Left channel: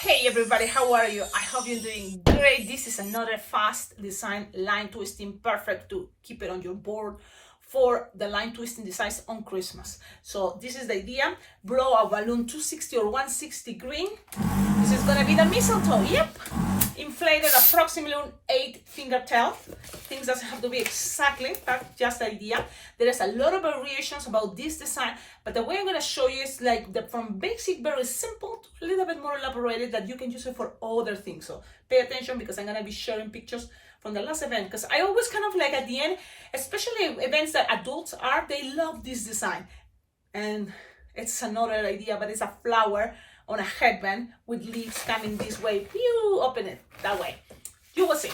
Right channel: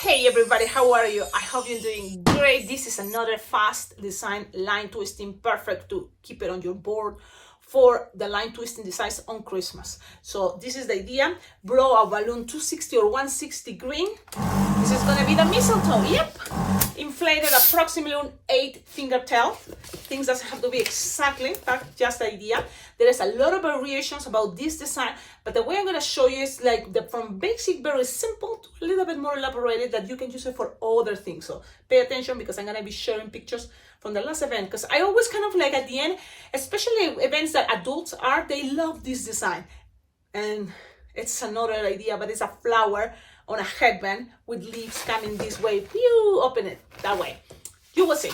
Hey everybody, how are you? I hope you're doing great. This is another fast design line twisting, perfect to keep it on your board for the line twisting designs on Christmas. So this is the idea. Blow a balloon 260 or 160 green. This is gonna be the mistletoe. Yep. Inflated approximately on 8-finger tail. Things doesn't have to be exactly, but just the idea. There is a lot of variations about this design, but the way I'm gonna show you is like from basic, very simple to a little bit more elaborated that you can use it for other things. So pay attention because I'm gonna be sharing pictures from the last event, because I always kind of like at the end, especially events that adults are, they love this design. And it's another idea, but it's a flower on a headband with leaves coming this way. You open it that way. You will see.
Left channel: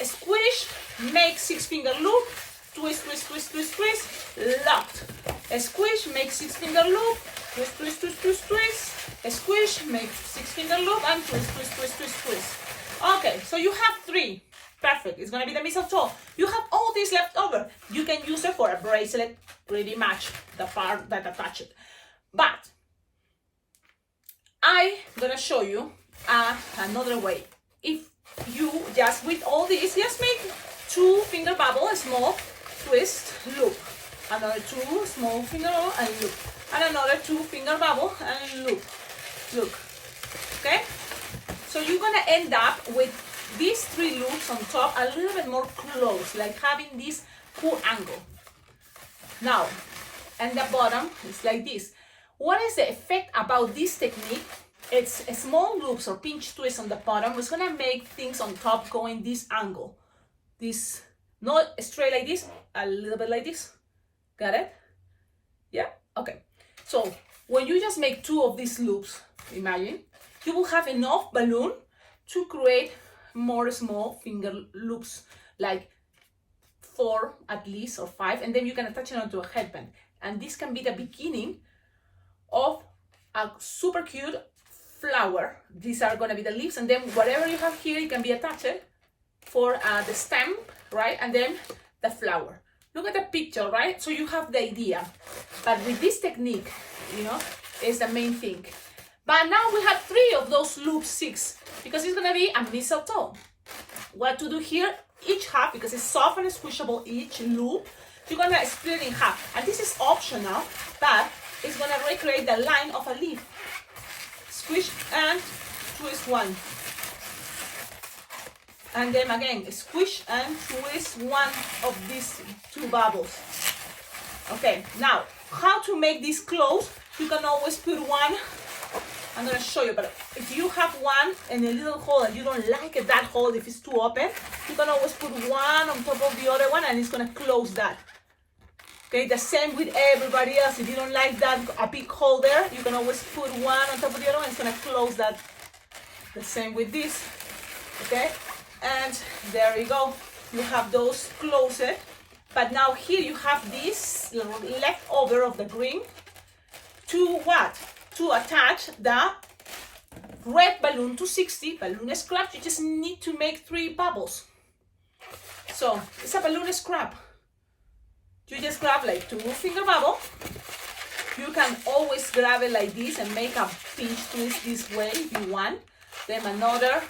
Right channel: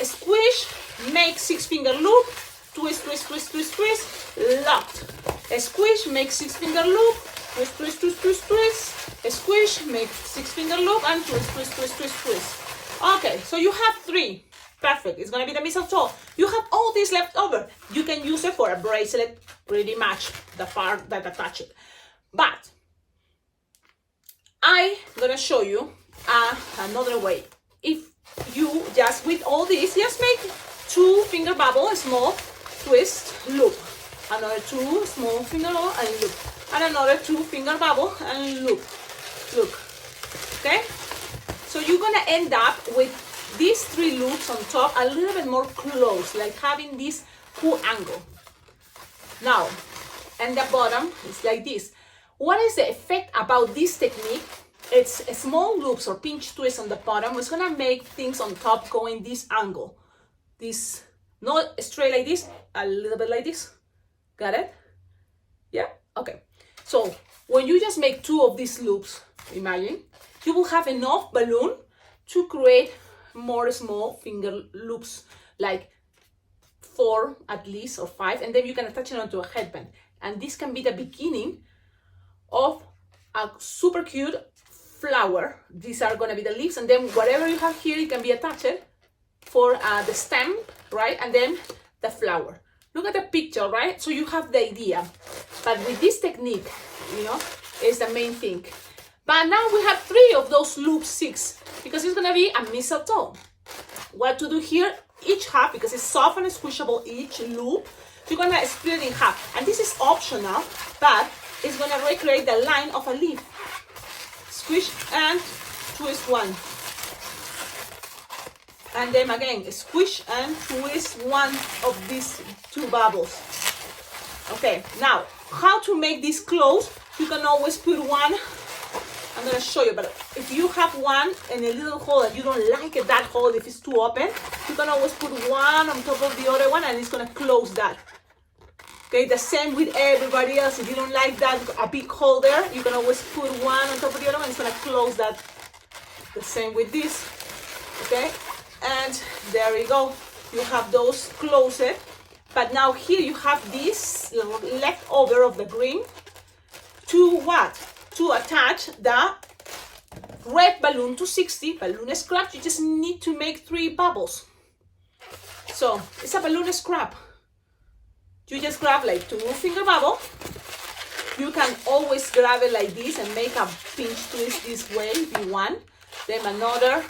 Squish, make 6-finger loop, twist, twist, twist, twist, twist, locked. Squish, make 6-finger loop, twist, twist, twist, twist, twist. Squish, make 6-finger loop, and twist, twist, twist, twist, twist. Okay, so you have 3. Perfect. It's gonna be the mistletoe. You have all this left over. You can use it for a bracelet, pretty much the part that attach it. But I'm gonna show you another way. If you just with all this, just make 2-finger bubble, small twist, loop. Another 2 small finger and loop. And another 2-finger bubble and loop. Look. Okay? So you're gonna end up with these 3 loops on top a little bit more close, like having this cool angle. Now, and the bottom is like this. What is the effect about this technique? It's a small loops or pinch twist on the bottom. It's gonna make things on top go in this angle. This, not straight like this, a little bit like this. Got it? Yeah? Okay. So when you just make 2 of these loops, imagine, you will have enough balloon to create more small finger loops, like 4 at least or 5, and then you can attach it onto a headband. And this can be the beginning of a super cute flower. These are going to be the leaves, and then whatever you have here, it can be attached for the stem, right? And then the flower. Look at the picture, right? So you have the idea. But with this technique, you know, is the main thing. But now we have 3 of those loop 6 because it's going to be a mistletoe. What to do here? Each half, because it's soft and squishable, each loop, you're going to split it in half. And this is optional, but it's going to recreate the line of a leaf. Squish and twist 1. And then again, squish and twist 1 of these 2 bubbles. Okay, now, how to make this close? You can always put one. I'm going to show you, but if you have one in a little hole and you don't like it, that hole, if it's too open, you can always put one on top of the other one and it's going to close that. Okay, the same with everybody else. If you don't like that, a big hole there, you can always put one on top of the other one, it's going to close that. The same with this, okay? And there you go. You have those closed. But now here you have this leftover of the green to what? To attach the red balloon 260 balloon scrap. You just need to make 3 bubbles. So it's a balloon scrap. You just grab like 2-finger bubble. You can always grab it like this and make a pinch twist this way if you want. Then another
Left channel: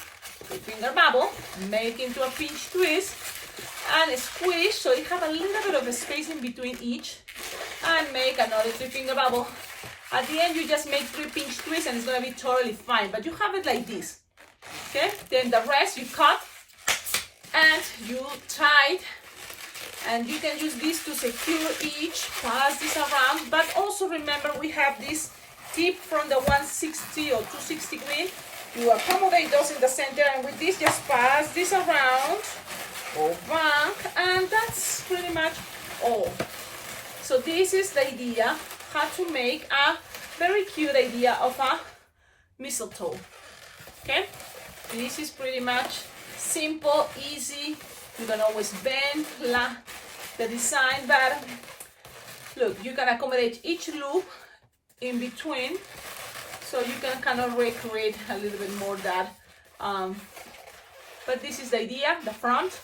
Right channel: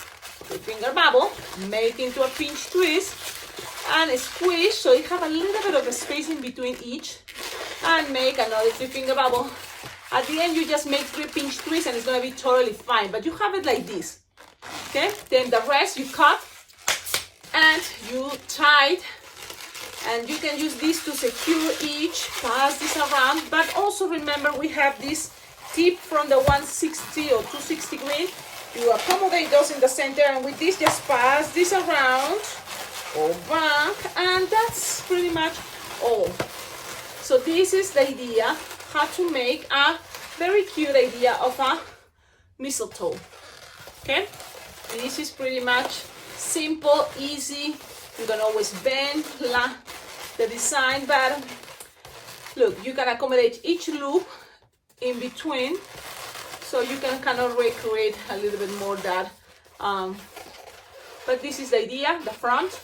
2-finger bubble, make into a pinch twist and squish so you have a little bit of a space in between each, and make another 3-finger bubble. At the end, you just make 3 pinch twists and it's going to be totally fine. But you have it like this. Okay? Then the rest you cut and you tie it. And you can use this to secure each, pass this around. But also remember, we have this tip from the 160 or 260 green. You accommodate those in the center. And with this, just pass this around. Go back. And that's pretty much all. So this is the idea. How to make a very cute idea of a mistletoe. Okay, this is pretty much simple, easy. You can always bend the design, but look, you can accommodate each loop in between, so you can kind of recreate a little bit more that. But this is the idea: the front,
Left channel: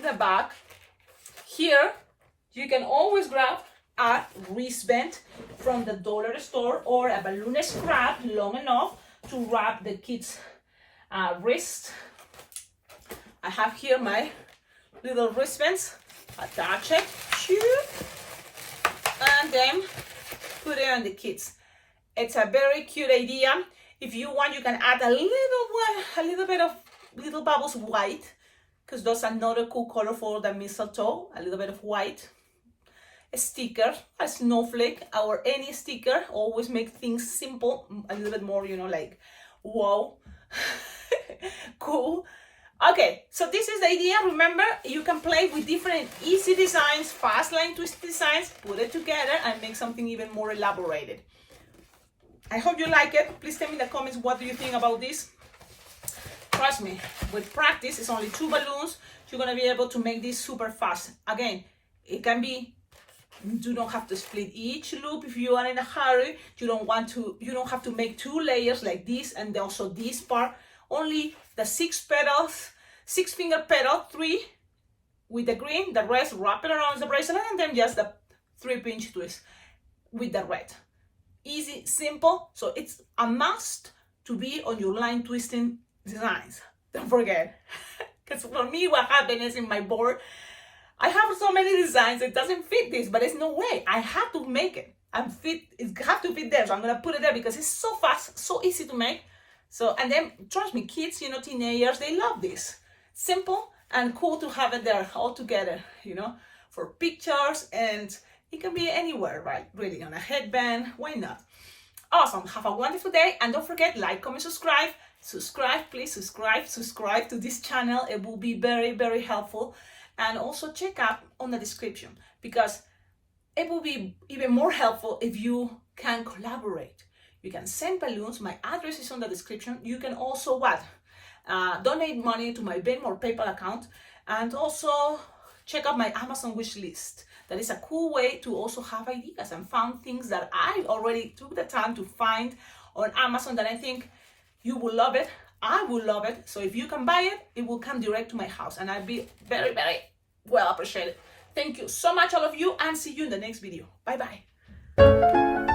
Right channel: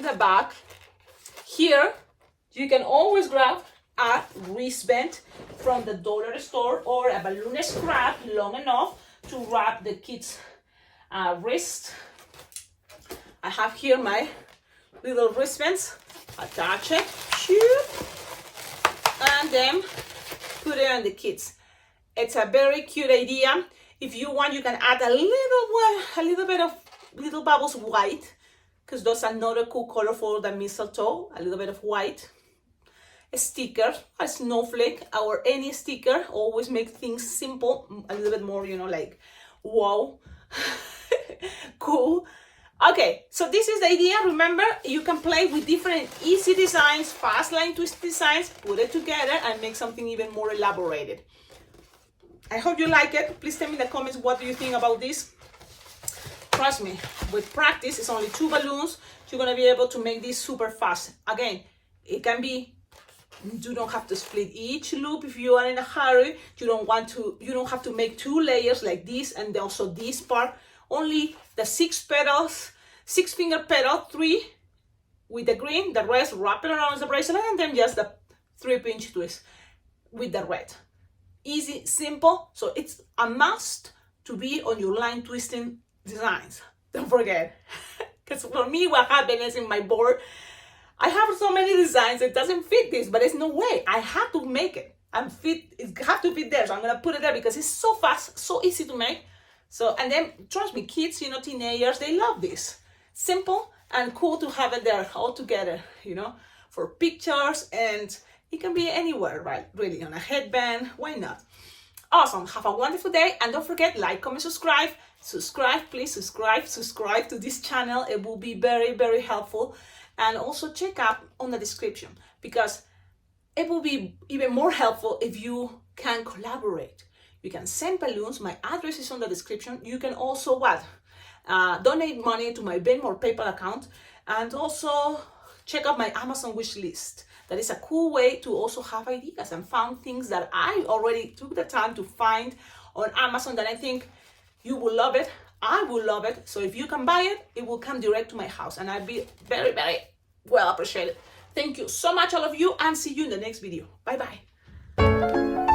the back. Here, you can always grab a wristband from the dollar store or a balloon scrap long enough to wrap the kids' wrist. I have here my little wristbands. Attach it, and then put it on the kids. It's a very cute idea. If you want, you can add a little bit of little bubbles white, because that's another cool color for the mistletoe. A little bit of white. A sticker, a snowflake, or any sticker. Always make things simple, a little bit more, you know, like wow, cool. Okay, so this is the idea. Remember, you can play with different easy designs, fast line twist designs, put it together and make something even more elaborated. I hope you like it. Please tell me in the comments what do you think about this. Trust me, with practice, it's only 2 balloons. You're gonna be able to make this super fast. Again, it can be, you don't have to split each loop if you are in a hurry. You don't have to make 2 layers like this and also this part. Only the 6 petals, 6 finger petal, 3 with the green, the rest wrap it around the bracelet, and then just the 3-pinch twist with the red. Easy, simple. So it's a must to be on your line twisting designs. Don't forget. Because for me, what happened is in my board, I have so many designs, it doesn't fit this, but there's no way. I have to make it and fit, it has to fit there. So I'm gonna put it there because it's so fast, so easy to make. So, and then trust me, kids, you know, teenagers, they love this. Simple and cool to have it there all together, you know, for pictures, and it can be anywhere, right? Really, on a headband, why not? Awesome, have a wonderful day, and don't forget, like, comment, subscribe. Subscribe, please subscribe to this channel. It will be very, very helpful. And also check out on the description, because it will be even more helpful if you can collaborate. You can send balloons. My address is on the description. You can also donate money to my Venmo or PayPal account, and also check out my Amazon wish list. That is a cool way to also have ideas and found things that I already took the time to find on Amazon that I think you will love it. I will love it. So if you can buy it, it will come direct to my house, and I'll be very, very well appreciated. Thank you so much, all of you, and see you in the next video. Bye bye.